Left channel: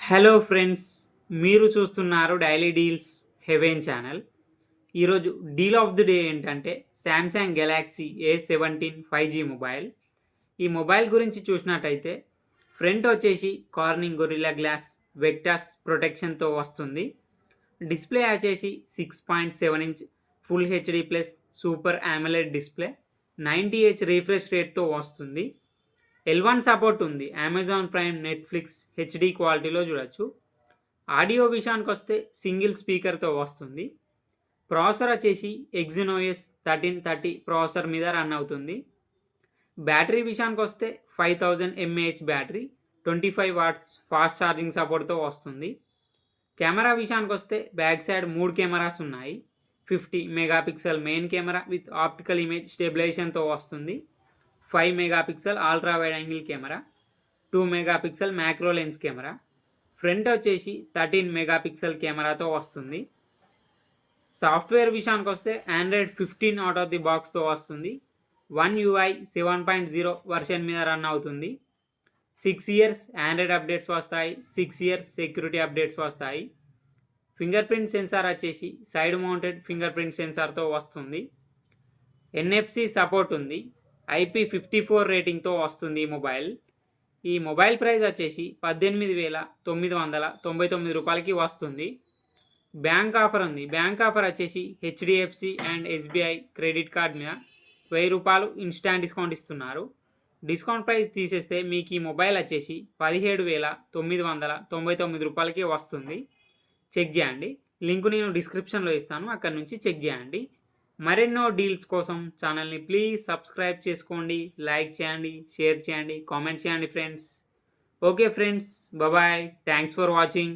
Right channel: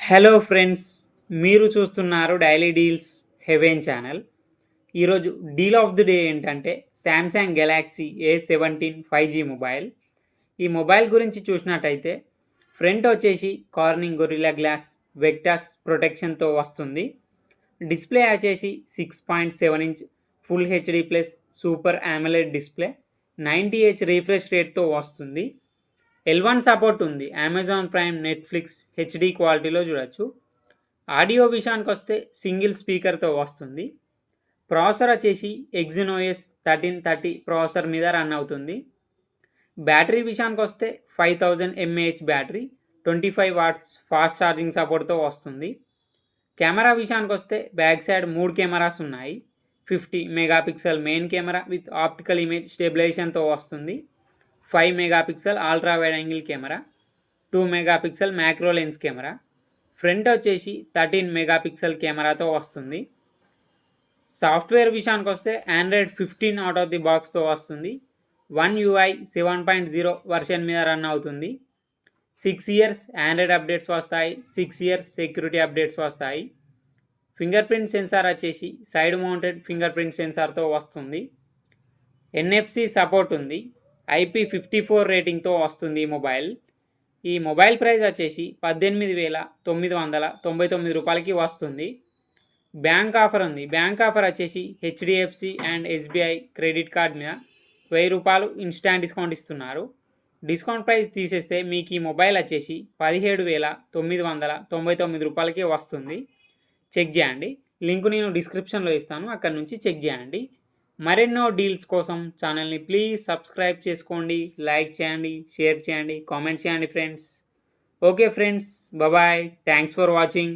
Hello friends, మీరు చూస్తున్నారు daily deals heaven channel. ఈరోజు డీల్ ఆఫ్ ది డే ఏంటంటే Samsung Galaxy A17 5G mobile. ఈ మొబైల్ గురించి చూసినట్టయితే ఫ్రంట్ వచ్చేసి కార్నింగ్ గొరిల్లా గ్లాస్ వెక్టాస్ ప్రొటెక్షన్తో వస్తుంది. డిస్ప్లే వచ్చేసి 6.7 inch full HD plus super AMOLED display 90Hz refresh రేట్తో వస్తుంది. L1 సపోర్ట్ ఉంది. అమెజాన్ ప్రైమ్, నెట్ఫ్లిక్స్ హెచ్డి క్వాలిటీలో చూడొచ్చు. ఆడియో విషయానికి వస్తే సింగిల్ స్పీకర్తో వస్తుంది. ప్రాసెసర్ వచ్చేసి Exynos 1330 ప్రాసెసర్ మీద రన్ అవుతుంది. బ్యాటరీ విషయానికి వస్తే 5000 mAh battery 25 watts fast charging సపోర్ట్తో వస్తుంది. కెమెరా విషయానికి వస్తే బ్యాక్ సైడ్ 3 కెమెరాస్ ఉన్నాయి. 50 megapixel main camera with optical image స్టెబిలైజేషన్తో వస్తుంది. 5 megapixel ultra wide angle camera, 2 megapixel macro lens camera. Front వచ్చేసి 13 మెగాపిక్సెల్ కెమెరాతో వస్తుంది. సాఫ్ట్వేర్ విషయానికి వస్తే ఆండ్రాయిడ్ 15 అవుట్ ఆఫ్ ది బాక్స్తో వస్తుంది. One UI 7.0 వర్షన్ మీద రన్ అవుతుంది. 6 ఇయర్స్ ఆండ్రాయిడ్ అప్డేట్స్ వస్తాయి. 6 ఇయర్స్ సెక్యూరిటీ అప్డేట్స్ వస్తాయి. ఫింగర్ ప్రింట్ సెన్సార్ వచ్చేసి సైడ్ మౌంటెడ్ ఫింగర్ ప్రింట్ సెన్సార్తో వస్తుంది. NFC సపోర్ట్ ఉంది. IP54 రేటింగ్తో వస్తుంది ఈ మొబైల్. ఈ మొబైల్ ప్రైస్ వచ్చేసి 18,999 రూపాయలకి వస్తుంది. బ్యాంక్ ఆఫర్ ఉంది. బ్యాంక్ ఆఫర్ వచ్చేసి HDFC and SBI credit card మీద 1000 రూపాయలు ఇన్స్టాంట్ డిస్కౌంట్ ఇస్తున్నారు. డిస్కౌంట్ ప్రైస్ తీసేస్తే మీకు ఈ మొబైల్ వచ్చేసి 17,999 రూపాయలకి వస్తుంది. చెక్ చేయండి. లింక్ నేను డిస్క్రిప్షన్లో ఇస్తాను, అక్కడ నుంచి చెక్ చేయండి. మరెన్నో డీల్స్ కోసం ఛానల్ని ప్లీజ్ సబ్స్క్రైబ్ చేసుకోండి, లైక్ చేయండి, షేర్ చేయండి, కామెంట్ చేయండి friends. Okay friends, bye. Thanks for watching.